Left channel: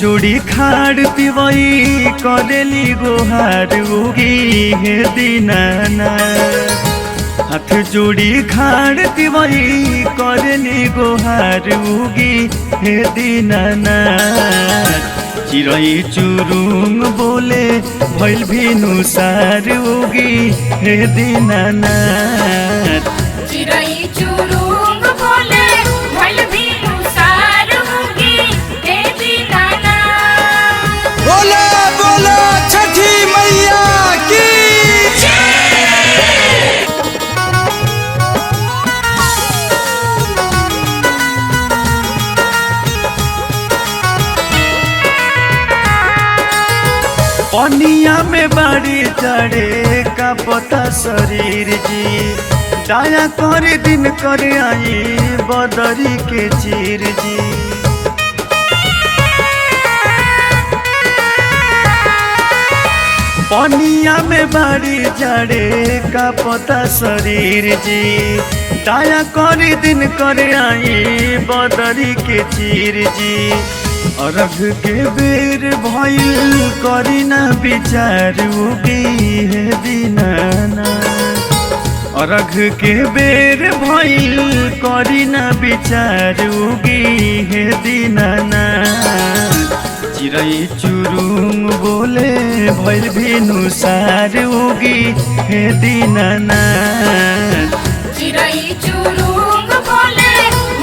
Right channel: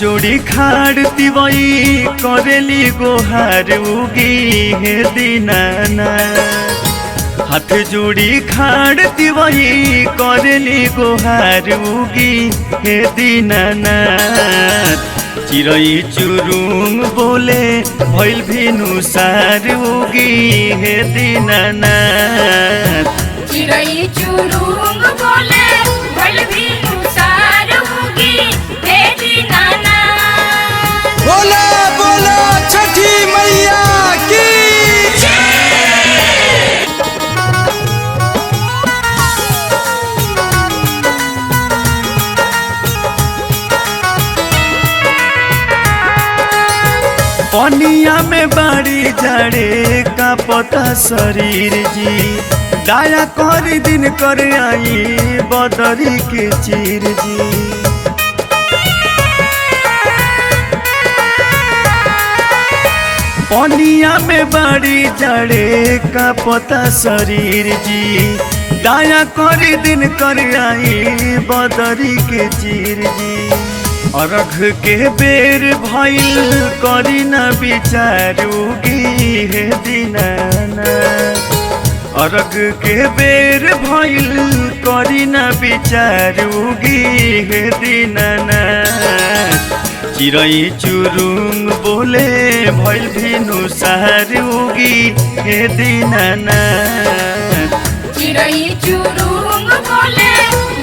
जुड़ी खाड़ती वही करेली गोहार उगी हे दीनाना। हाथ जुड़ी खाड़ती वही करेली गोहार उगी हे दीनाना। चिरई चुरुम बोले भइल भिनु सार उगी हे दीनाना। चिरई चुरुम बोले भइल भिनु सार उगी हे दीनाना। बोला बोला छठी मैया की पनिया में बाड़ी जाड़े का पता शरीर जी। दया कर दिन कर आई बदरी के चीर जी। पनिया में बाड़ी जाड़े का पता शरीर जी। दया कर दिन कर आई बदरी के चीर जी। अर्घ के बेर भइल करे न विचार उगी हे दीनाना। अर्घ के बेर भइल करे न विचार उगी हे दीनाना। चिरई चुरुम बोले भइल भिनु सार उगी हे दीनाना। चिरई चुरुम बोले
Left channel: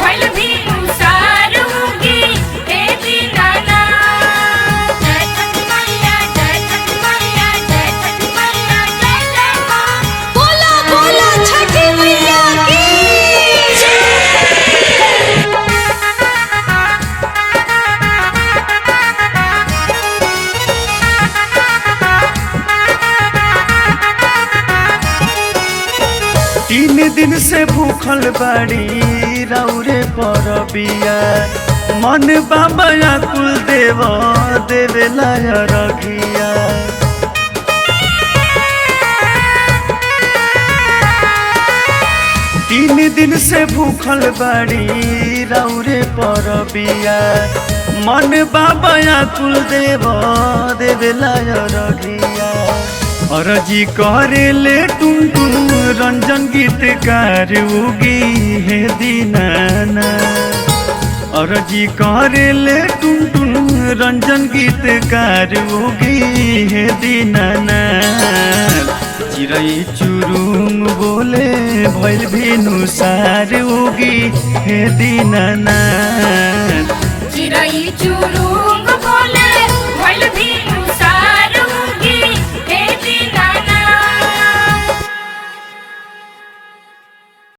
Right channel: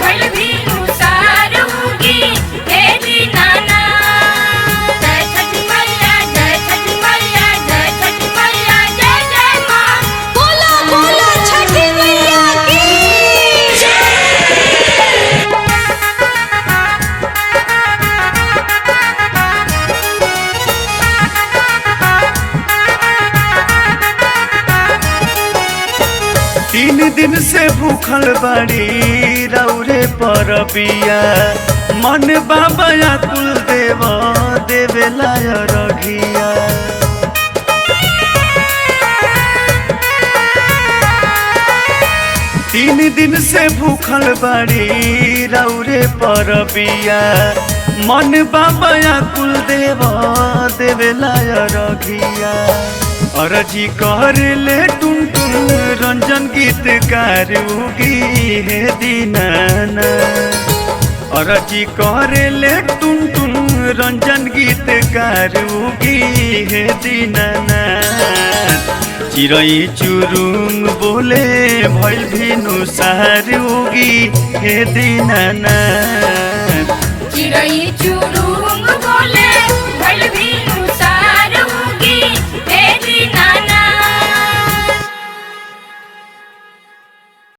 भइल भिनु सार उगी हे दीनाना। जय छठी मैया जय छठी मैया जय छठी मैया जय जय माँ। बोला बोला छठी मैया की तीन दिन से भूखल बाड़ी रौरे पर पिया। मन बाबा कुल देव देवेला रखिया। तीन दिन से भूखल बाड़ी रौरे पर पिया। मन बाबा कुल देव देवेला रखिया। अर्जी करेले टुन टुन रंजन गीतकार उगी हे दीनाना। अर्जी करेले टुन टुन रंजन गीतकार उगी हे दीनाना। चिरई चुरुम बोले भइल भिनु सार उगी हे दीनाना।